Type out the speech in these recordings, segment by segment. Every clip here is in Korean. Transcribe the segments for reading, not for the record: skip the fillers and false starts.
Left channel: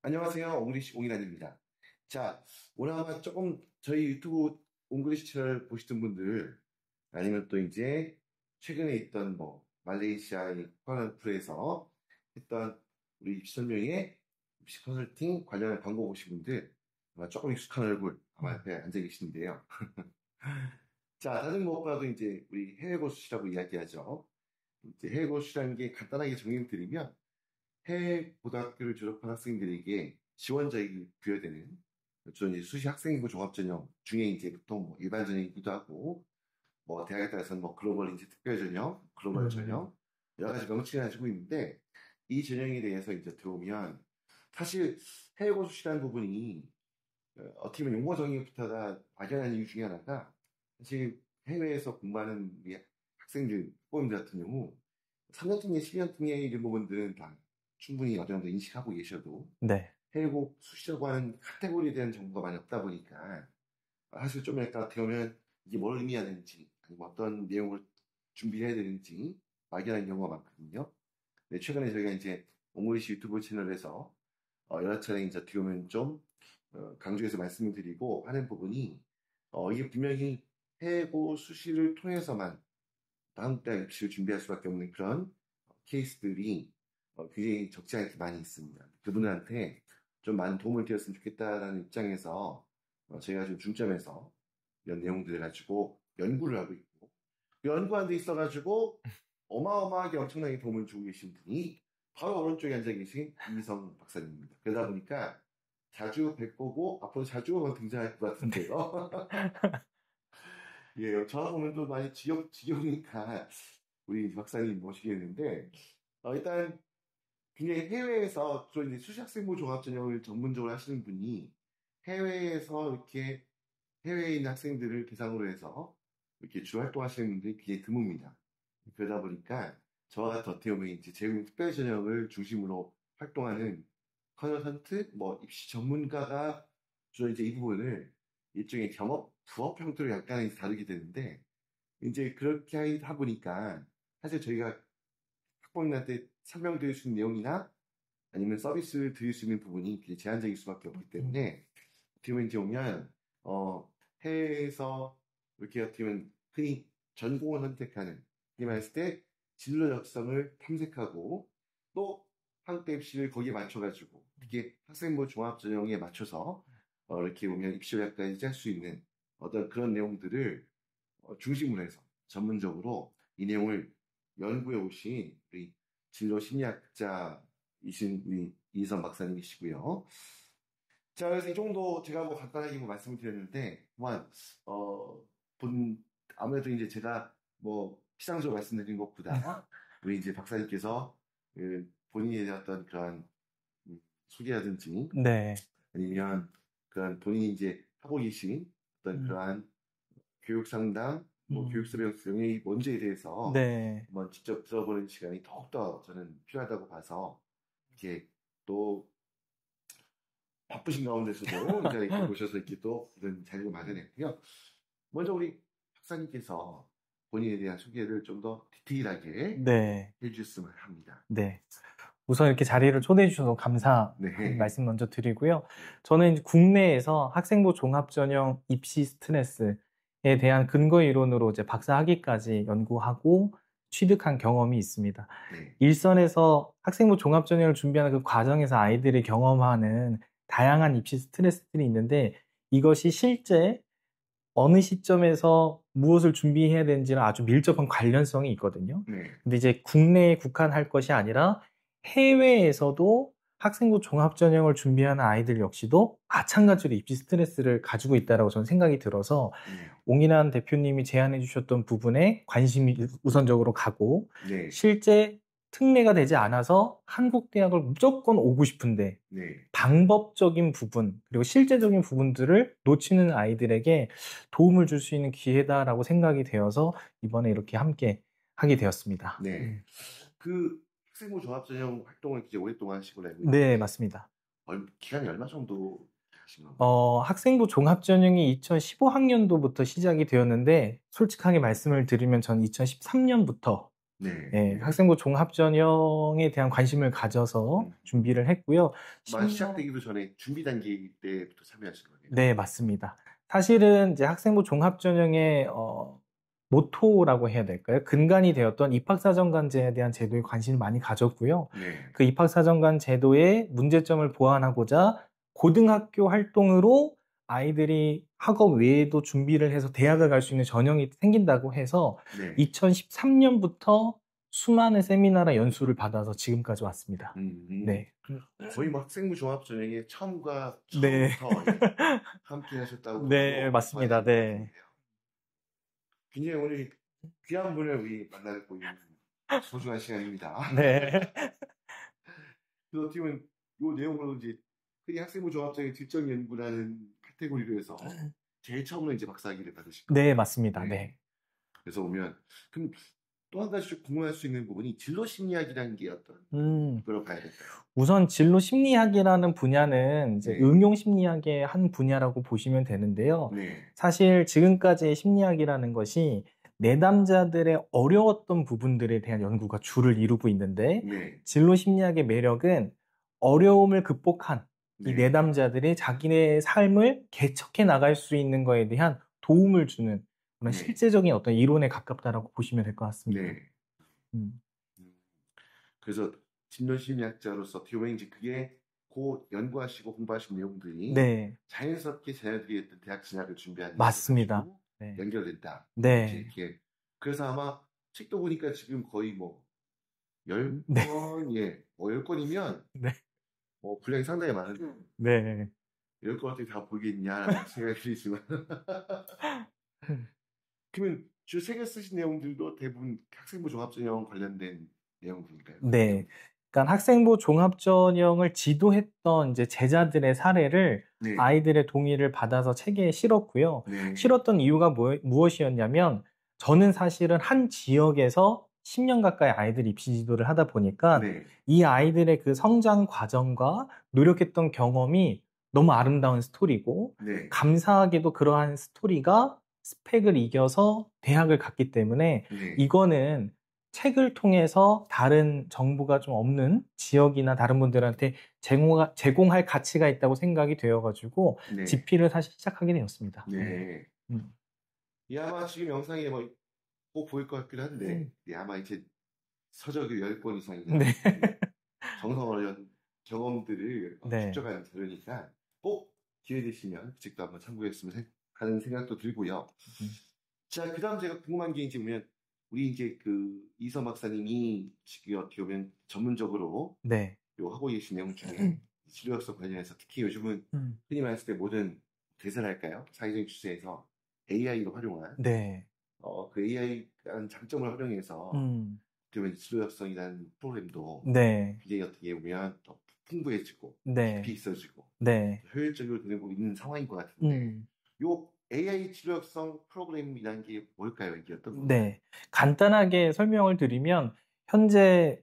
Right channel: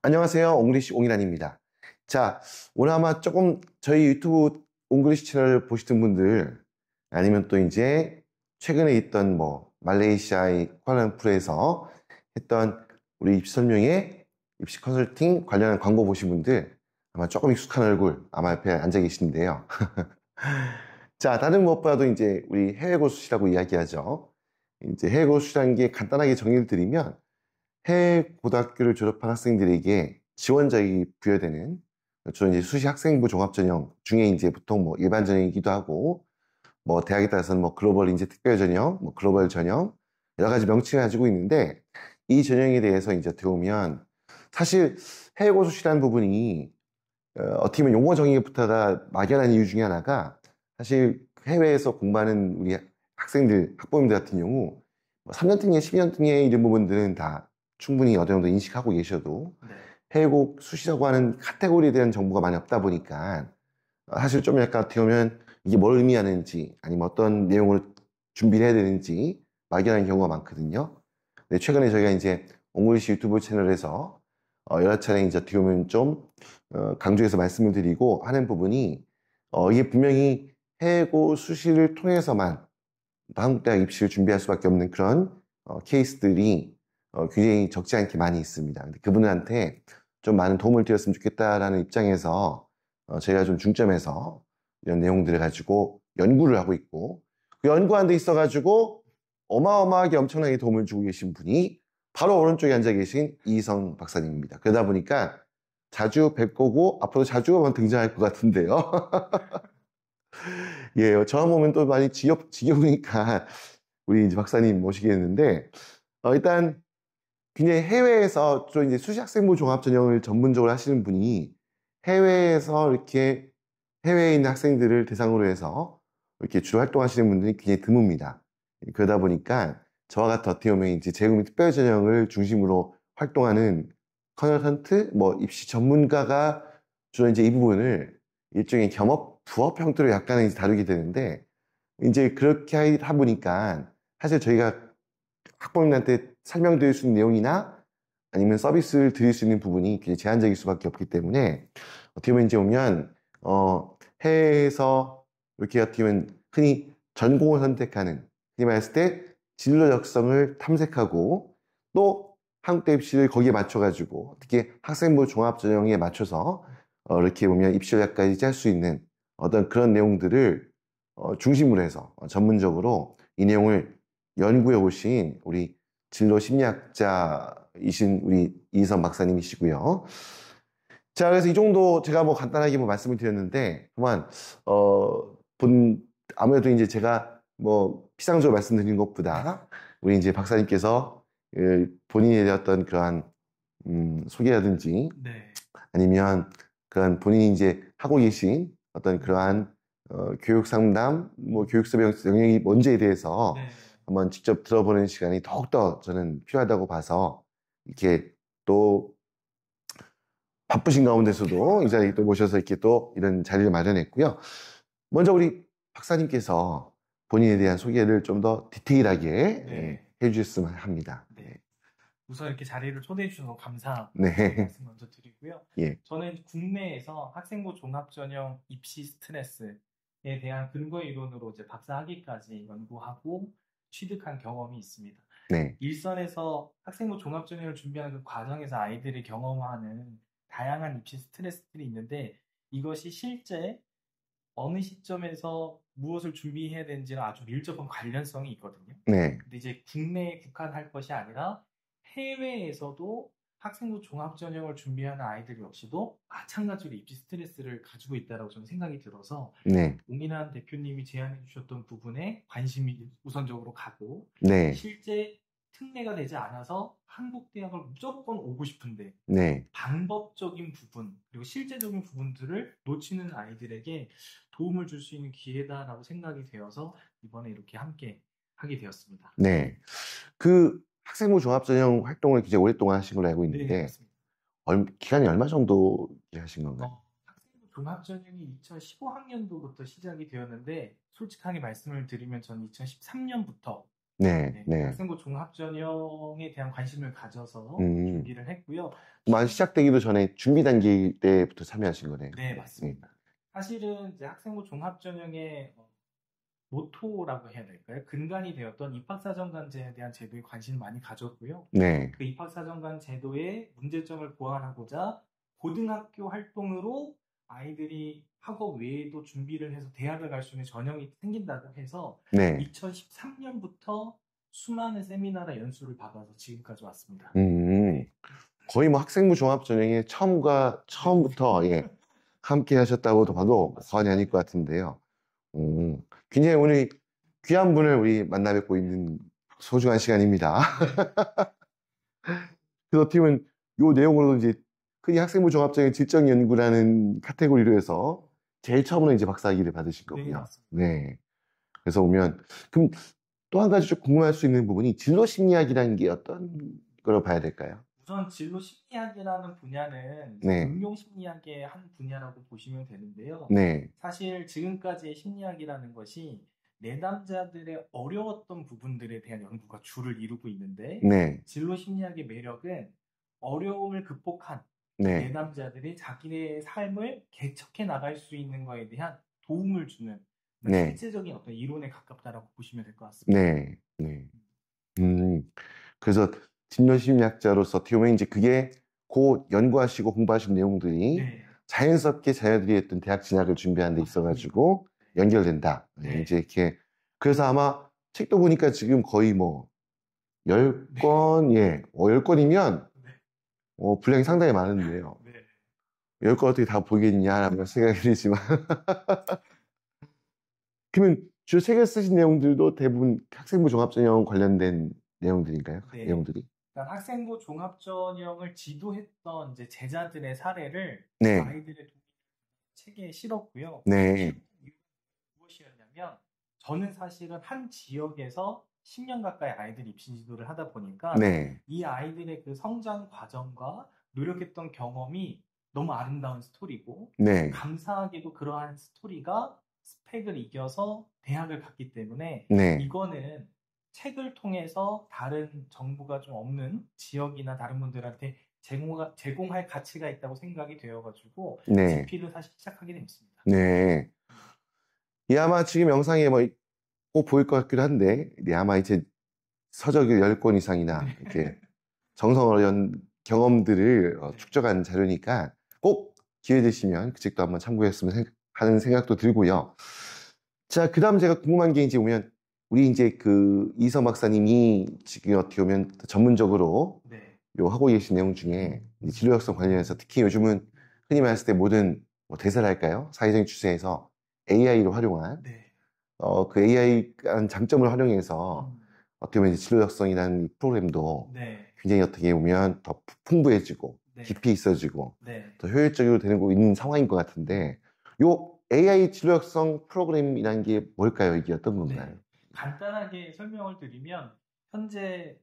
안녕하세요. 옹글리시 옹이란입니다. 자, 오늘 아마 조금 저희 유튜브 옹글리시 채널 보시던 분들 아니면 또 이제 최근에 있던 뭐 말레이시아의 쿠알라룸푸르에서 했던 우리 입시 설명회, 입시 컨설팅 관련한 광고 보신 분들 아마 조금 익숙한 얼굴 아마 옆에 앉아 계시는데요. 자, 다른 무엇보다도 이제 우리 해외 고수시라고 이야기하죠. 이제 해외 고수시라는 게 간단하게 정의를 드리면 해외 고등학교를 졸업한 학생들에게 지원자격이 부여되는 주로 이제 수시 학생부 종합전형 중에 이제 보통 뭐 일반 전형이기도 하고 뭐 대학에 따라서는 뭐 글로벌 이제 특별 전형, 뭐 글로벌 전형 여러 가지 명칭을 가지고 있는데 이 전형에 대해서 이제 어떻게 보면 사실 해외 고수시라는 부분이 어떻게 보면 용어 정의부터가 막연한 이유 중에 하나가 사실 해외에서 공부하는 우리 학생들, 학부모님들 같은 경우 뭐 3년 특례, 12년 특례 이런 부분들은 다 충분히 어느 정도 인식하고 계셔도 네. 해외 수시라고 하는 카테고리에 대한 정보가 많이 없다 보니까 사실 좀 약간 어떻게 보면 이게 뭘 의미하는지 아니면 어떤 내용을 준비를 해야 되는지 막연한 경우가 많거든요. 근데 최근에 저희가 이제 옹글리시 유튜브 채널에서 여러 차례 이제 어떻게 보면 좀 강조해서 말씀을 드리고 하는 부분이 이게 분명히 해고 수시를 통해서만 한국 대학 입시를 준비할 수밖에 없는 그런 케이스들이 굉장히 적지 않게 많이 있습니다. 근데 그분들한테 좀 많은 도움을 드렸으면 좋겠다라는 입장에서 저희가 좀 중점해서 이런 내용들을 가지고 연구를 하고 있고 그 연구하는 데 있어가지고 어마어마하게 엄청나게 도움을 주고 계신 분이 바로 오른쪽에 앉아 계신 이성 박사님입니다. 그러다 보니까 자주 뵙고 앞으로 자주 한번 등장할 것 같은데요. 예, 저만 보면 또 많이 지겨우니까 우리 이제 박사님 모시겠는데, 일단 굉장히 해외에서 좀 이제 수시학생부 종합전형을 전문적으로 하시는 분이 해외에서 이렇게 해외에 있는 학생들을 대상으로 해서 이렇게 주로 활동하시는 분들이 굉장히 드뭅니다. 그러다 보니까 저와 같은 어떻게 보면 이제 재외국민 특별전형을 중심으로 활동하는 컨설턴트, 뭐 입시 전문가가 주로 이제 이 부분을 일종의 겸업, 부업 형태로 약간은 이제 다루게 되는데 이제 그렇게 하다 보니까 사실 저희가 학부모님한테 설명드릴 수 있는 내용이나 아니면 서비스를 드릴 수 있는 부분이 굉장히 제한적일 수밖에 없기 때문에 어떻게 보면 이제 보면 해외에서 이렇게 어떻게 보면 흔히 전공을 선택하는 흔히 말했을 때 진로 적성을 탐색하고 또 한국대 입시를 거기에 맞춰가지고 어떻게 학생부 종합전형에 맞춰서 이렇게 보면 입시 전략까지 짤 수 있는 어떤 그런 내용들을 중심으로 해서 전문적으로 이 내용을 연구해 오신 우리 진로 심리학자이신 우리 이선 박사님이시고요. 자, 그래서 이 정도 제가 뭐 간단하게 뭐 말씀을 드렸는데, 그만, 아무래도 이제 제가 뭐 피상적으로 말씀드린 것보다 우리 이제 박사님께서 본인의 어떤 그러한, 소개라든지 네. 아니면 그런 본인이 이제 하고 계신 어떤 그러한 교육 상담, 뭐 교육 수업 영역이 뭔지에 대해서 네. 한번 직접 들어보는 시간이 더욱더 저는 필요하다고 봐서 이렇게 또 바쁘신 가운데서도 이 자리에 또 모셔서 이렇게 또 이런 자리를 마련했고요. 먼저 우리 박사님께서 본인에 대한 소개를 좀 더 디테일하게 네. 해주셨으면 합니다. 네. 우선 이렇게 자리를 초대해 주셔서 감사 네. 말씀 먼저 드리고요. 예. 저는 이제 국내에서 학생부 종합전형 입시 스트레스에 대한 근거 이론으로 이제 박사 학위까지 연구하고 취득한 경험이 있습니다. 네. 일선에서 학생부 종합전형을 준비하는 그 과정에서 아이들이 경험하는 다양한 입시 스트레스들이 있는데 이것이 실제 어느 시점에서 무엇을 준비해야 되는지는 아주 밀접한 관련성이 있거든요. 네. 근데 이제 국내에 국한할 것이 아니라 해외에서도 학생부 종합전형을 준비하는 아이들 역시도 마찬가지로 입시 스트레스를 가지고 있다고 저는 생각이 들어서 네. 옹인환 대표님이 제안해 주셨던 부분에 관심이 우선적으로 가고 네. 실제 특례가 되지 않아서 한국 대학을 무조건 오고 싶은데 네. 방법적인 부분 그리고 실제적인 부분들을 놓치는 아이들에게 도움을 줄 수 있는 기회다라고 생각이 되어서 이번에 이렇게 함께 하게 되었습니다. 네. 그 학생부 종합전형 활동을 굉장히 오랫동안 하신 걸로 알고 네, 있는데 맞습니다. 기간이 얼마 정도 하신 건가요? 학생부 종합전형이 2015학년도부터 시작이 되었는데 솔직하게 말씀을 드리면 전 2013년부터 네, 네, 네. 학생부 종합전형에 대한 관심을 가져서 준비를 했고요. 시작되기도 전에 준비 단계 때부터 참여하신 거네요. 네, 맞습니다. 사실은 이제 학생부 종합전형의 모토라고 해야 될까요? 근간이 되었던 입학사정관제에 대한 제도에 관심을 많이 가졌고요. 네. 그 입학사정관 제도의 문제점을 보완하고자 고등학교 활동으로 아이들이 학업 외에도 준비를 해서 대학을 갈 수 있는 전형이 생긴다고 해서 네. 2013년부터 수많은 세미나나 연수를 받아서 지금까지 왔습니다. 네. 거의 뭐 학생부 종합전형의 처음부터 예, 함께 하셨다고 네, 봐도 맞습니다. 과언이 아닐 것 네. 같은데요. 굉장히 오늘 귀한 분을 우리 만나 뵙고 있는 소중한 시간입니다. 네. 그래서 어떻게 보면 이 내용으로도 이제 흔히 학생부 종합전형 질적 연구라는 카테고리로 해서 제일 처음으로 이제 박사학위를 받으실 거고요. 네, 맞습니다. 네. 그래서 오면 그럼 또 한 가지 좀 궁금할 수 있는 부분이 진로 심리학이라는 게 어떤 걸 봐야 될까요? 우선 진로 심리학이라는 분야는 이제 네. 응용 심리학의 한 분야라고 보시면 되는데요. 네. 사실 지금까지의 심리학이라는 것이 내담자들의 어려웠던 부분들에 대한 연구가 주를 이루고 있는데 네. 진로 심리학의 매력은 어려움을 극복한 이 네. 내담자들이 자기네 삶을 개척해 나갈 수 있는 거에 대한 도움을 주는 그런 네. 실제적인 어떤 이론에 가깝다라고 보시면 될 것 같습니다. 네. 네. 그래서 진로 심리학자로서 어떻게 보면 이제 그게 곧 연구하시고 공부하신 내용들이 네. 자연스럽게 자녀들이 했던 대학 진학을 준비하는 데 맞습니다. 있어가지고 네. 연결된다. 네. 이제 이렇게 그래서 아마 책도 보니까 지금 거의 뭐 10권, 예, 10권이면 네. 분량이 상당히 많은데요. 네. 10권 어떻게 다 보겠냐라고 생각이 들지만 그러면 주로 책을 쓰신 내용들도 대부분 학생부 종합전형 관련된 내용들인가요? 네. 내용들이? 그러니까 학생부 종합전형을 지도했던 이제 제자들의 사례를 네. 아이들의 동의를 받아서 책에 실었고요. 네. 실었던 이유가 무엇이었냐면 저는 사실은 한 지역에서 10년 가까이 아이들 입시 지도를 하다 보니까 네. 이 아이들의 그 성장 과정과 노력했던 경험이 너무 아름다운 스토리고 네. 감사하게도 그러한 스토리가 스펙을 이겨서 대학을 갔기 때문에 네. 이거는 책을 통해서 다른 정보가 좀 없는 지역이나 다른 분들한테 제공할 가치가 있다고 생각이 되어가지고 네. 집필을 사실 시작하게 되었습니다. 네. 이 아마 지금 영상에 뭐 꼭 보일 것 같기도 한데 아마 이제 서적이 10권 이상이나 네. 이렇게 정성어린 경험들을 네. 축적한 자료니까 꼭 기회 되시면 그 책도 한번 참고했으면 하는 생각도 들고요. 자, 그 다음 제가 궁금한 게 이제 오면 우리 이제 그 이서 박사님이 지금 어떻게 보면 전문적으로 네. 요 하고 계신 내용 중에 이 진로역성 관련해서 특히 요즘은 흔히 말했을 때 모든 뭐 대세랄까요? 사회적인 추세에서 AI를 활용한 네. 그 AI라는 장점을 활용해서 어떻게 보면 진로역성이라는 이 프로그램도 네. 굉장히 어떻게 보면 더 풍부해지고 네. 깊이 있어지고 네. 더 효율적으로 되고 있는 상황인 것 같은데 요 AI 진로역성 프로그램이라는 게 뭘까요? 이게 어떤 건가요? 네. 간단하게 설명을 드리면 현재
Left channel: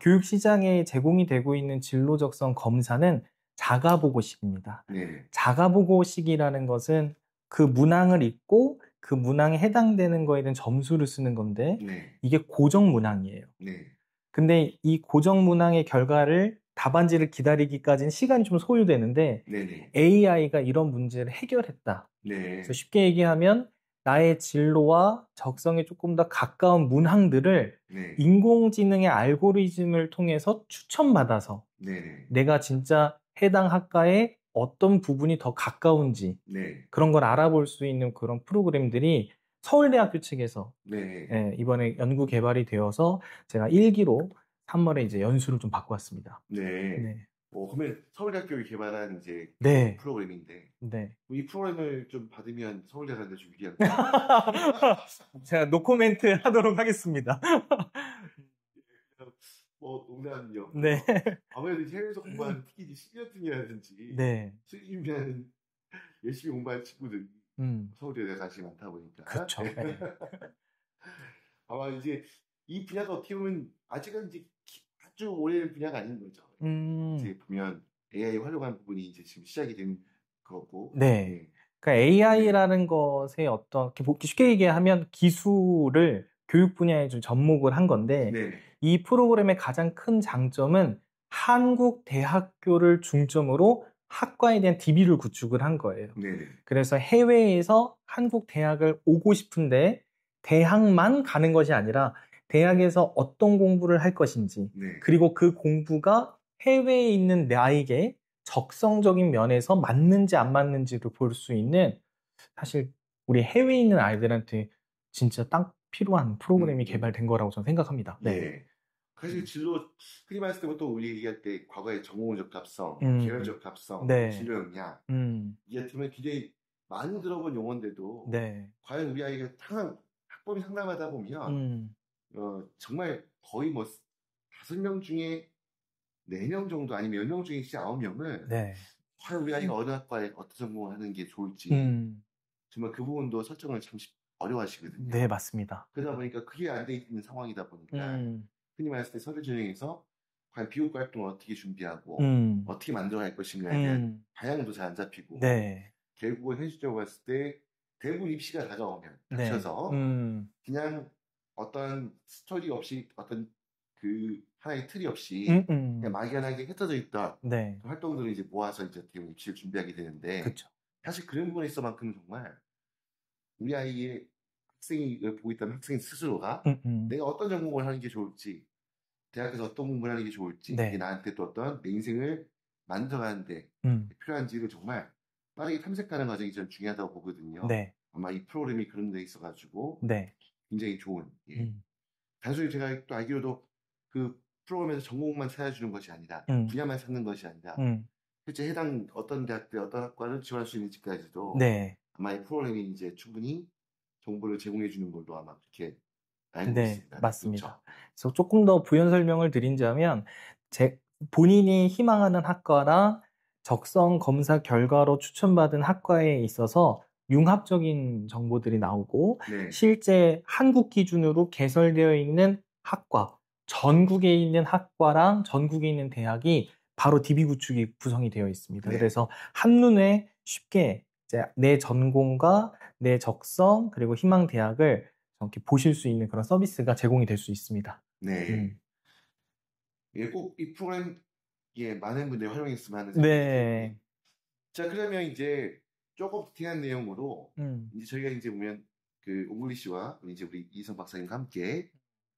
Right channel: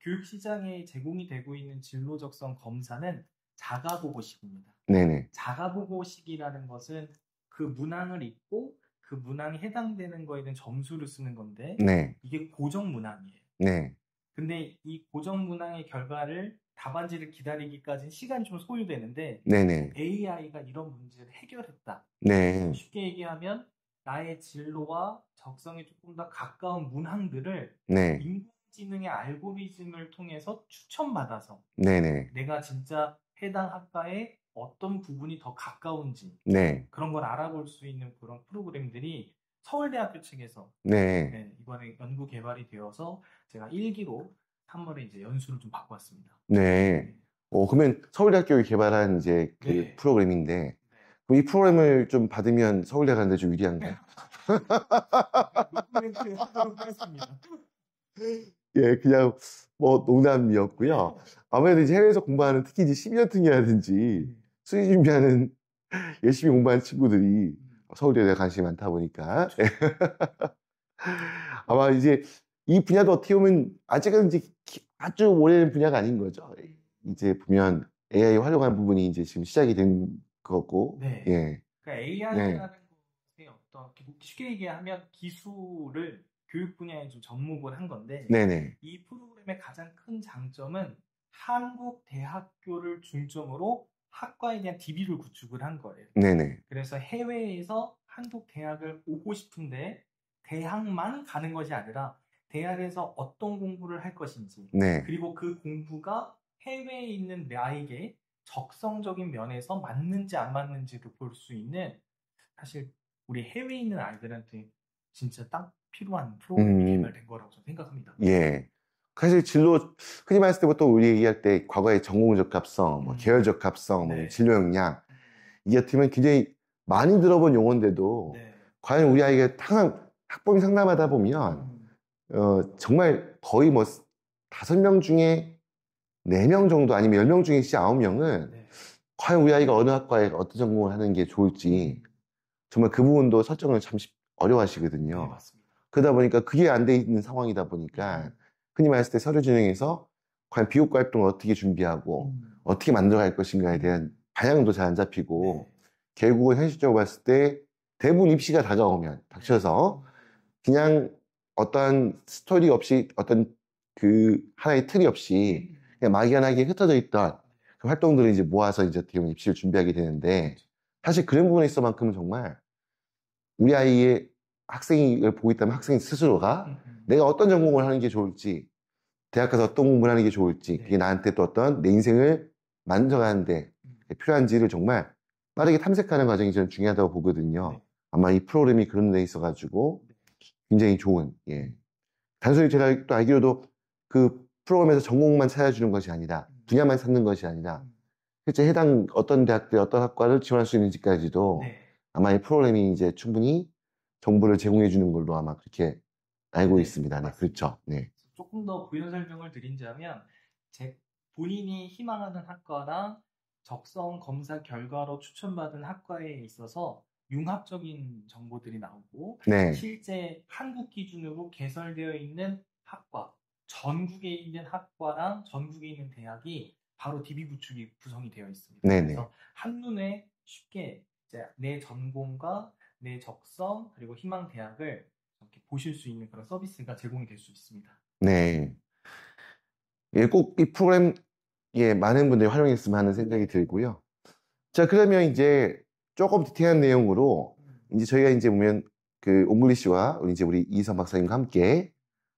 교육 시장에 제공이 되고 있는 진로적성 검사는 자가보고식입니다. 네네. 자가보고식이라는 것은 그 문항을 읽고 그 문항에 해당되는 거에 대한 점수를 쓰는 건데 네. 이게 고정 문항이에요. 네. 근데 이 고정 문항의 결과를 답안지를 기다리기까지는 시간이 좀 소요되는데 네네. AI가 이런 문제를 해결했다. 네. 그래서 쉽게 얘기하면 나의 진로와 적성에 조금 더 가까운 문항들을 네. 인공지능의 알고리즘을 통해서 추천받아서 네네. 내가 진짜 해당 학과에 어떤 부분이 더 가까운지 네. 그런 걸 알아볼 수 있는 그런 프로그램들이 서울대학교 측에서 네. 이번에 연구 개발이 되어서 제가 1기로 3월에 이제 연수를 좀 받고 왔습니다. 네. 네. 그러면 서울대학교가 개발한 이제 그 네. 프로그램인데 네. 이 프로그램을 좀 받으면 서울대 가는데 좀 유리한가요? 제가 노코멘트 하도록 하겠습니다. 예, 그냥 뭐 농담이었고요. 네. 아무래도 이제 해외에서 공부하는 특히 이제 12년생이라든지 네. 수의 준비하는 열심히 공부하는 친구들이 서울대에 관심이 많다 보니까 그렇죠. 네. 아마 이제 이 분야도 어떻게 보면 아직은 이제 아주 오래된 분야가 아닌 거죠. 이제 보면 AI 활용하는 부분이 이제 지금 시작이 된 거고. 네. 예. 그러니까 AI라는 것의 어떤 쉽게 얘기하면 기술을 교육 분야에 좀 접목을 한 건데 네네. 이 프로그램의 가장 큰 장점은 한국 대학교를 중점으로 학과에 대한 DB를 구축을 한 거예요. 네네. 그래서 해외에서 한국 대학을 오고 싶은데 대학만 가는 것이 아니라 대학에서 어떤 공부를 할 것인지 네. 그리고 그 공부가 해외에 있는 나에게 적성적인 면에서 맞는지 안 맞는지를 볼 수 있는 사실 우리 해외에 있는 아이들한테 진짜 딱 필요한 프로그램이 개발된 거라고 저는 생각합니다. 네. 예. 사실 진로 흔히 말했을 때부터 우리 얘기할 때 과거의 전공 적합성, 뭐 계열 적합성, 뭐 네. 진로 역량 이 같은 면 굉장히 많이 들어본 용어인데도 네. 과연 우리 아이가 항상 학부모 상담하다 보면 정말 거의 뭐 5명 중에 4명 정도 아니면 10명 중에 9명은 네. 과연 우리 아이가 어느 학과에 어떤 전공을 하는 게 좋을지 정말 그 부분도 설정을 참 어려워하시거든요. 네, 맞습니다. 그러다 보니까 그게 안 돼 있는 상황이다 보니까 흔히 말했을 때 서류 진행에서 과연 비교과 활동을 어떻게 준비하고 어떻게 만들어갈 것인가에 대한 방향도 잘 안 잡히고 네. 결국은 현실적으로 봤을 때 대부분 입시가 다가오면 네. 닥쳐서 그냥 어떠한 스토리 없이 어떤 그 하나의 틀이 없이 그냥 막연하게 흩어져 있던 네. 그 활동들을 이제 모아서 이제 어떻게 보면 입시를 준비하게 되는데 그쵸. 사실 그런 부분에 있어만큼은 정말 우리 아이의 학생을 보고 있다면 학생 스스로가 내가 어떤 전공을 하는 게 좋을지 대학 가서 어떤 공부를 하는 게 좋을지 네. 그게 나한테 또 어떤 내 인생을 만들어가는데 필요한지를 정말 빠르게 탐색하는 과정이 저는 중요하다고 보거든요. 네. 아마 이 프로그램이 그런 데 있어가지고 네. 굉장히 좋은 단순히 제가 또 알기로도 그 프로그램에서 전공만 찾아주는 것이 아니라 분야만 찾는 것이 아니라 실제 해당 어떤 대학들 어떤 학과를 지원할 수 있는지까지도 네. 아마 이 프로그램이 이제 충분히 정보를 제공해 주는 걸로 아마 그렇게 알고 네, 있습니다. 네, 맞습니다. 그렇죠. 네. 그래서 조금 더 부연 설명을 드린다면 본인이 희망하는 학과나 적성 검사 결과로 추천받은 학과에 있어서 융합적인 정보들이 나오고 네. 실제 한국 기준으로 개설되어 있는 학과, 전국에 있는 학과랑 전국에 있는 대학이 바로 DB 구축이 구성이 되어 있습니다. 네네. 그래서 한눈에 쉽게 이제 내 전공과 내 적성 그리고 희망 대학을 이렇게 보실 수 있는 그런 서비스가 제공이 될 수 있습니다. 네. 예, 꼭 이 프로그램 예, 많은 분들이 활용했으면 하는 생각이 네. 들고요. 자, 그러면 이제 조금 디테일한 내용으로 이제 저희가 이제 보면 그 옹글리시와 우리 이희선 박사님과 함께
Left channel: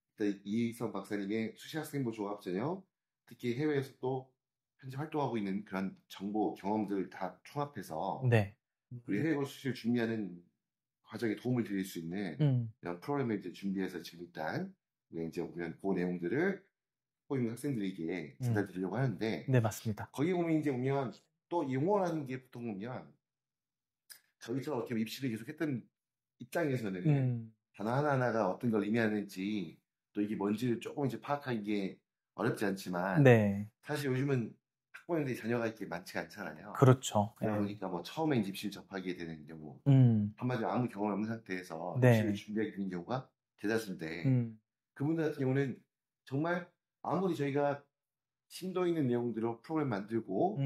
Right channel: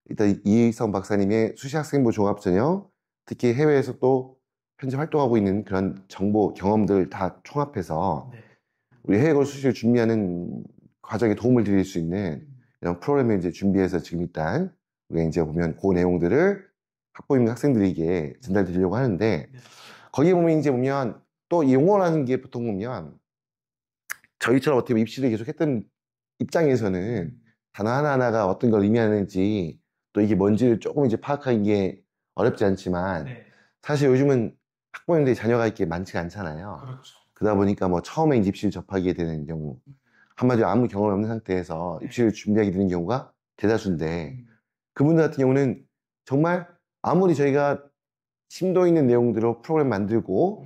일단 이희선 박사님의 수시학생부 종합전형 특히 해외에서 또 현재 활동하고 있는 그런 정보 경험들 다 총합해서 네. 우리 해외고 수시를 준비하는 과정에 도움을 드릴 수 있는 이런 프로그램을 이제 준비해서 지금 일단 우리가 이제 보면 그 내용들을 학부모 학생들에게 전달드리려고 하는데 네, 맞습니다. 거기 보면 이제 보면 또 이 용어라는 게 보통 보면 저희처럼 어떻게 보면 입시를 계속 했던 입장에서는 단어 하나하나가 어떤 걸 의미하는지 또 이게 뭔지를 조금 이제 파악하는 게 어렵지 않지만 네. 사실 요즘은 학부모님들이 자녀가 이렇게 많지가 않잖아요. 그렇죠. 그러다 보니까 뭐 처음에 이제 입시를 접하게 되는 경우 한마디로 아무 경험이 없는 상태에서 네. 입시를 준비하게 되는 경우가 대다수인데 그분들 같은 경우는 정말 아무리 저희가 심도 있는 내용들로 프로그램 만들고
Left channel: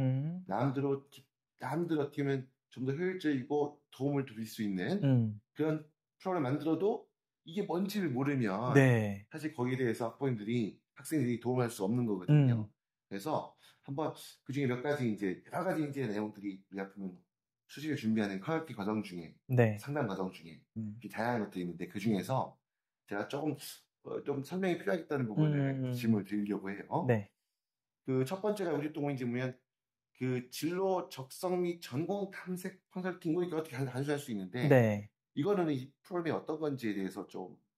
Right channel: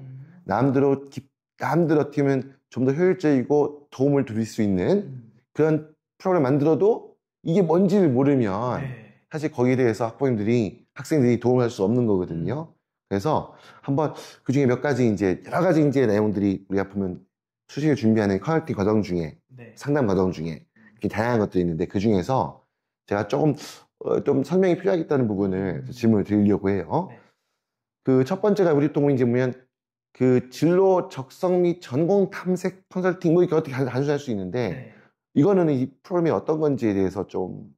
남들로 어떻게 보면 좀 더 효율적이고 도움을 드릴 수 있는 그런 프로그램 만들어도 이게 뭔지를 모르면 네. 사실 거기에 대해서 학생들이 도움을 할 수 없는 거거든요. 그래서 한번 그 중에 몇 가지 이제 여러 가지 이제 내용들이 우리가 보면 수시를 준비하는 커넥팅 과정 중에 네. 상담 과정 중에 이렇게 다양한 것들이 있는데 그 중에서 제가 조금 좀 설명이 필요하겠다는 부분을 질문을 드리려고 해요. 네. 그 첫 번째가 우리 또 이제 보면 그 진로 적성 및 전공 탐색 컨설팅 뭐 이렇게 어떻게 단순히 할 수 있는데 네. 이거는 이 프로그램이 어떤 건지에 대해서 좀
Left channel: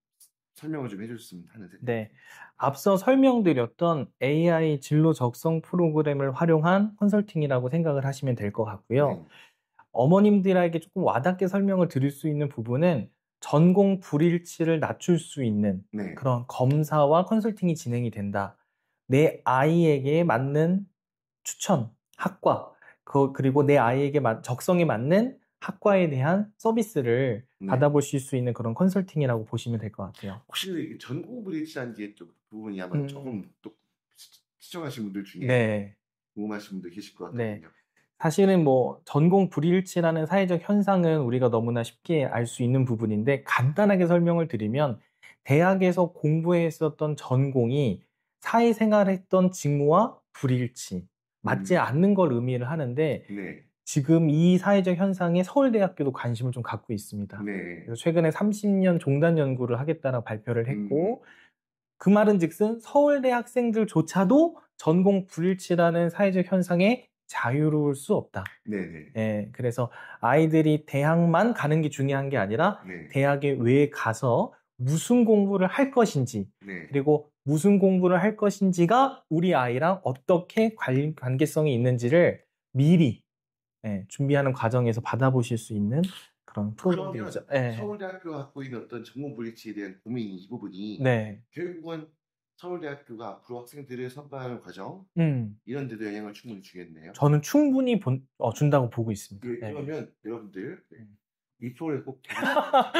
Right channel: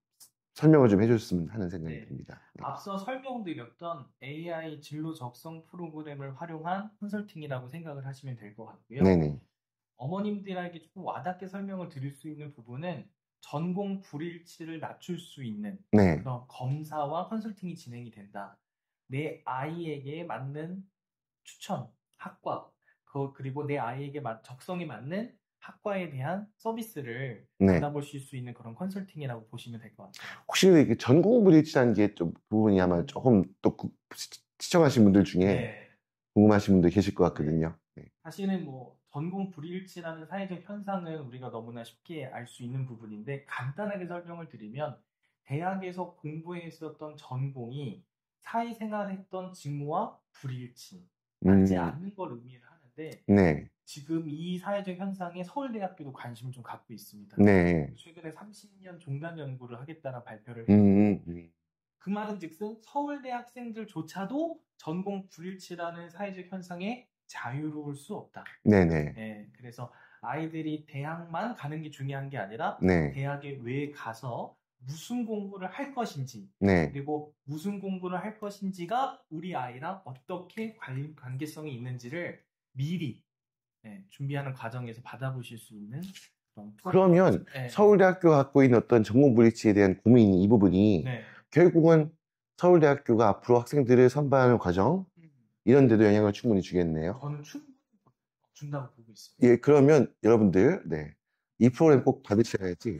설명을 좀 해줬으면 하는 생각이 네. 듭니다. 앞서 설명드렸던 AI 진로 적성 프로그램을 활용한 컨설팅이라고 생각을 하시면 될 것 같고요. 네네. 어머님들에게 조금 와닿게 설명을 드릴 수 있는 부분은 전공 불일치를 낮출 수 있는 네. 그런 검사와 컨설팅이 진행이 된다. 내 아이에게 맞는 추천, 학과, 그리고 내 아이에게 적성에 맞는 학과에 대한 서비스를 네. 받아보실 수 있는 그런 컨설팅이라고 보시면 될 것 같아요. 혹시 이렇게 전공 불일치라는 게 좀 부분이 아마 조금 또 시청하신 분들 중에 네. 궁금하신 분들 계실 것 같거든요. 네. 사실은 뭐 전공 불일치라는 사회적 현상은 우리가 너무나 쉽게 알 수 있는 부분인데 간단하게 설명을 드리면 대학에서 공부했었던 전공이 사회생활했던 직무와 불일치, 맞지 않는 걸 의미를 하는데 네. 지금 이 사회적 현상에 서울대학교도 관심을 좀 갖고 있습니다. 네. 그래서 최근에 30년 종단 연구를 하겠다라고 발표를 했고 그 말은 즉슨 서울대 학생들조차도 전공 불일치라는 사회적 현상에 자유로울 수 없다. 네네. 예, 그래서 아이들이 대학만 가는 게 중요한 게 아니라 네. 대학에 왜 가서 무슨 공부를 할 것인지 네. 그리고 무슨 공부를 할 것인지가 우리 아이랑 어떻게 관계성이 있는지를 미리 준비하는 과정에서 받아보실 수 있는 그런 그러면 프로그램이죠. 예. 서울대학교가 갖고 있는 어떤 전공 불일치에 대한 고민이 이 부분이 네. 결국은 서울대학교가 앞으로 학생들을 선발하는 과정 이런 데도 영향을 충분히 주겠네요. 저는 충분히 준다고 보고 있습니다. 예, 그러면 여러분들 이 프로그램 꼭 받으셔야지.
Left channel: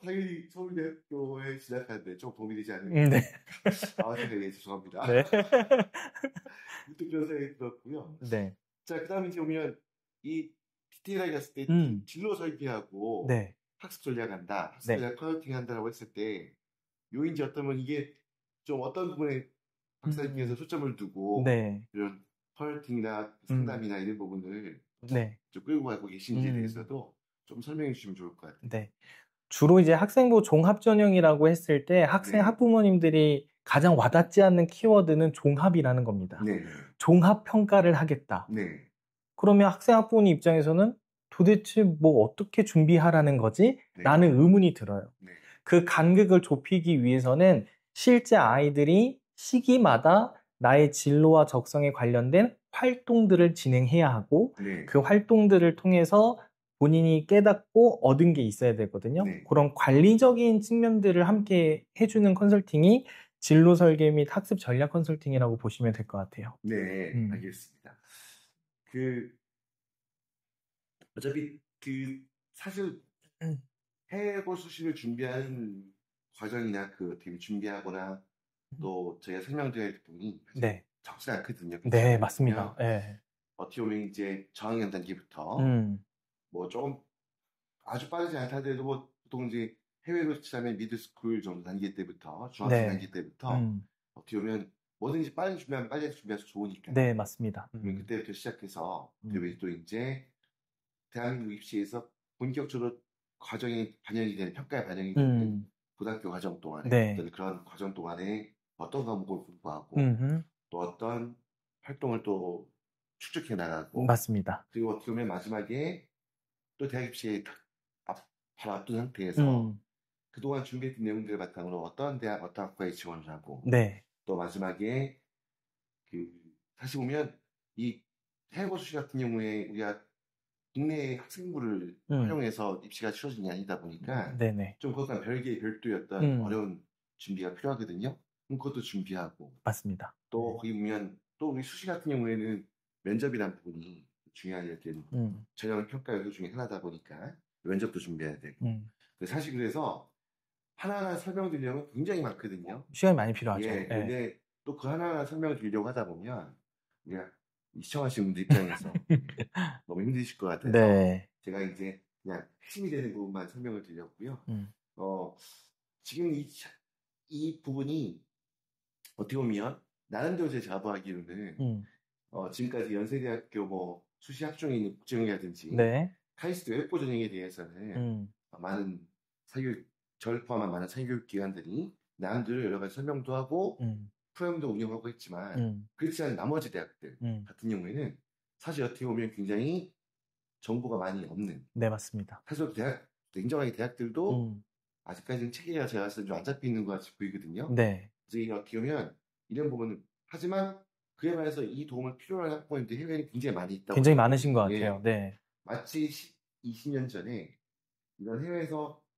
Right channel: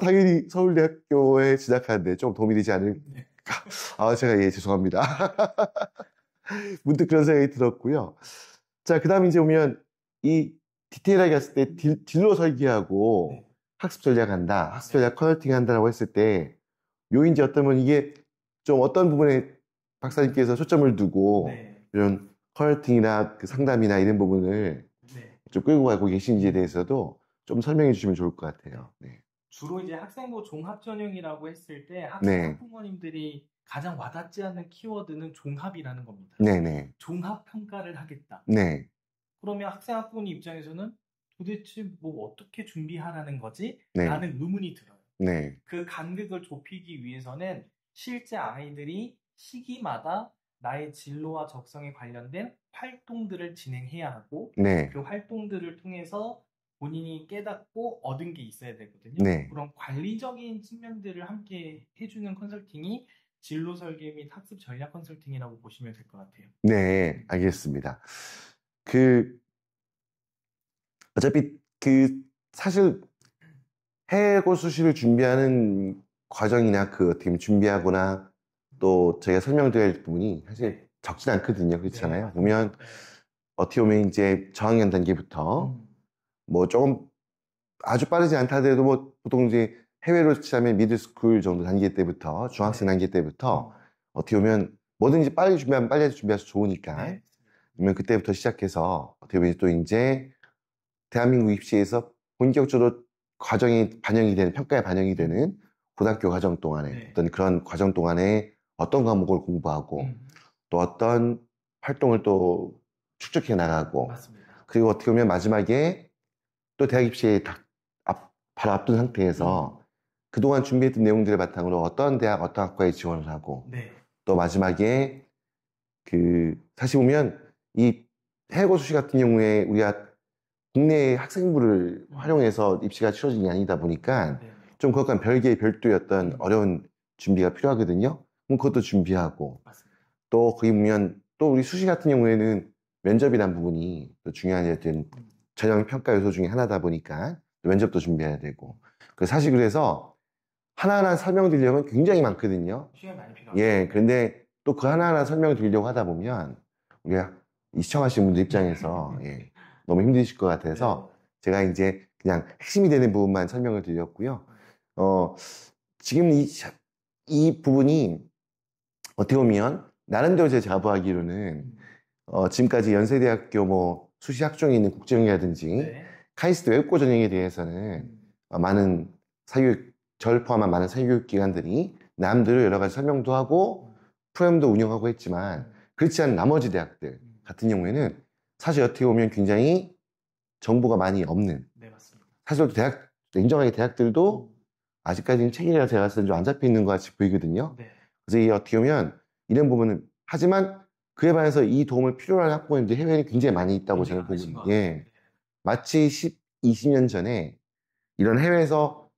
당연히 서울대학교에 진학하는데 좀 도움이 되지 않을까. 네. 제가 죄송합니다. 네. 문득 그런 생각이 들었고요. 네. 자, 그 다음에 이제 오면 이 디테일하게 했을 때 딜로 설계하고 네. 학습 전략한다, 학습 네. 전략 컨설팅 한다라고 했을 때 요인지 어떠면 이게 좀 어떤 부분에 박사님께서 초점을 두고 네. 이런 컨설팅이나 그 상담이나 이런 부분을 네. 좀 끌고 가고 계신지에 대해서도 좀 설명해 주시면 좋을 것 같아요. 네. 주로 이제 학생부 종합 전형이라고 했을 때 학생 학부모님들이 가장 와닿지 않는 키워드는 종합이라는 겁니다. 네네. 종합 평가를 하겠다. 네. 그러면 학생 학부모님 입장에서는 도대체 뭐 어떻게 준비하라는 거지? 라는 의문이 들어요. 네. 그 간극을 좁히기 위해서는 실제 아이들이 시기마다 나의 진로와 적성에 관련된 활동들을 진행해야 하고 그 활동들을 통해서 본인이 깨닫고 얻은 게 있어야 되거든요. 그런 관리적인 측면들을 함께 해주는 컨설팅이 진로 설계 및 학습 전략 컨설팅이라고 보시면 될 것 같아요. 네, 알겠습니다. 어차피 사실 해고 수시를 준비하는 과정이나 어떻게 보면 준비하거나 또 저희가 설명드릴 부분이 사실 적진 않거든요. 그렇잖아요. 네, 맞습니다. 보면 어떻게 보면 이제 저학년 단계부터 뭐 조금 아주 빠르지 않다 하더라도 뭐 보통 이제 해외로 치자면 미들스쿨 정도 단계 때부터 중학생 단계 때부터 어떻게 보면 뭐든지 빨리 준비하면 빨리 준비해서 좋으니까. 네, 맞습니다. 그러면 그때부터 시작해서 어떻게 보면 또 이제 대한민국 입시에서 본격적으로 과정이 반영이 되는 평가에 반영이 되는 고등학교 과정 동안에 어떤 그런 과정 동안에 어떤 과목을 공부하고 또 어떤 활동을 또 축적해 나가고 맞습니다. 그리고 어떻게 보면 마지막에 또 대학 입시에 바로 앞둔 상태에서 그동안 준비했던 내용들을 바탕으로 어떤 대학, 어떤 학과에 지원을 하고 또 마지막에 사실 보면 이 해고 수시 같은 경우에 우리가 국내 학생부를 활용해서 입시가 치러진 게 아니다 보니까 좀 그것과는 별개의 어떤 어려운 준비가 필요하거든요. 그럼 그것도 준비하고 맞습니다. 또 거기 보면 또 우리 수시 같은 경우에는 면접이라는 부분이 또 중요한 어떤 전형 평가 요소 중에 하나다 보니까 면접도 준비해야 되고 사실 그래서 하나하나 설명드리려면 굉장히 많거든요. 시간이 많이 필요하죠. 근데 또 그 하나하나 설명드리려고 하다 보면 우리가 시청하시는 분들 입장에서 너무 힘드실 것 같아서 제가 이제 그냥 핵심이 되는 부분만 설명을 드렸고요. 지금 이 부분이 어떻게 보면 나름대로 제가 자부하기로는 지금까지 연세대학교 뭐 수시 학종에 있는 국정이라든지 카이스트 외국고 전형에 대해서는 많은 저를 포함한 많은 사교육 기관들이 남들을 여러 가지 설명도 하고 프로그램도 운영하고 했지만 그렇지 않은 나머지 대학들 같은 경우에는 사실 어떻게 보면 굉장히 정보가 많이 없는. 네, 맞습니다. 사실 냉정하게 대학들도 아직까지는 체계가 제가 봤을 때 좀 안 잡혀 있는 것 같이 보이거든요. 그래서 이 어떻게 보면 이런 부분은 하지만 그에 반해서 이 도움을 필요로 하는 학부모님들이 해외에는 굉장히 많이 있다고 굉장히 많으신 것 같아요. 마치 20년 전에 이런 해외에서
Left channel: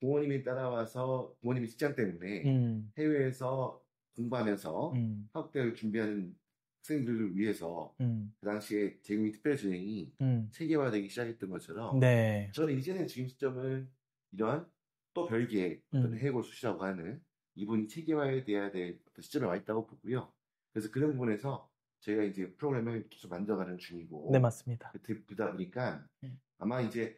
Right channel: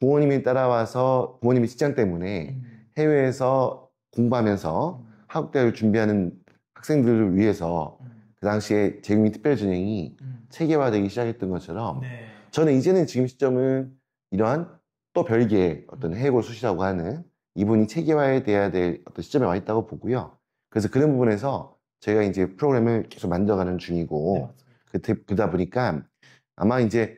부모님이 따라와서 부모님의 직장 때문에 해외에서 공부하면서 한국대학을 준비하는 학생들을 위해서 그 당시에 재국민 특별전형이 체계화되기 시작했던 것처럼 저는 이제는 지금 시점은 이러한 또 별개의 어떤 해고 수시라고 하는 이분이 체계화돼야 될 어떤 시점에 와 있다고 보고요. 그래서 그런 부분에서 저희가 이제 프로그램을 계속 만들어가는 중이고 네, 맞습니다. 그러다 보니까 아마 이제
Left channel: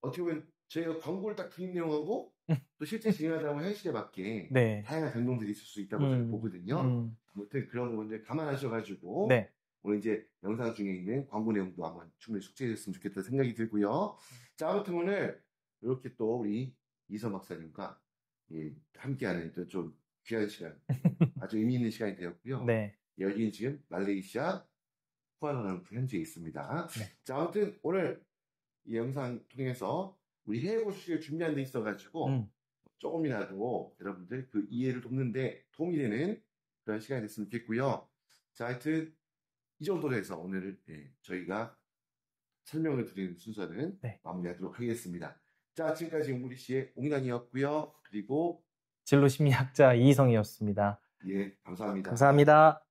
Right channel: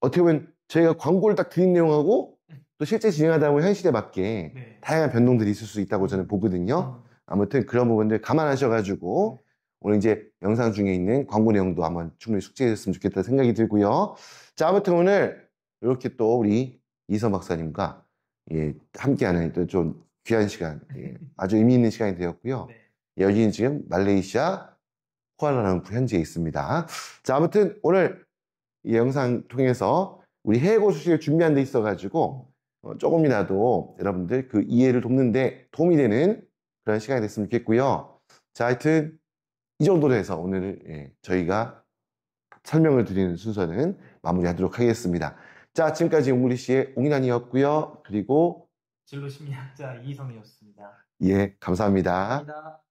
어떻게 보면 저희가 광고를 딱 드린 내용하고 또 실제 진행하다 보면 현실에 맞게 네. 다양한 변동들이 있을 수 있다고 저는 보거든요. 아무튼 그런 부분들 감안하셔가지고 네. 오늘 이제 영상 중에 있는 광고 내용도 한번 충분히 숙지했으면 좋겠다는 생각이 들고요. 자, 아무튼 오늘 이렇게 또 우리 이서 박사님과 예, 함께하는 또 좀 귀한 시간, 예, 아주 의미 있는 시간이 되었고요. 네. 여기는 지금 말레이시아 쿠알라룸푸 현지에 있습니다. 자, 아무튼 오늘 이 영상 통해서 우리 해외 고수식을 준비한 데 있어가지고 조금이라도 여러분들 그 이해를 돕는데 도움이 되는 그런 시간이 됐으면 좋겠고요. 자, 하여튼 이 정도로 해서 오늘 예, 저희가 설명을 드리는 순서는 네. 마무리하도록 하겠습니다. 자, 지금까지 옹글리시의 옹인환이었고요. 그리고 진로 심리학자 이희성이었습니다. 예, 감사합니다. 감사합니다.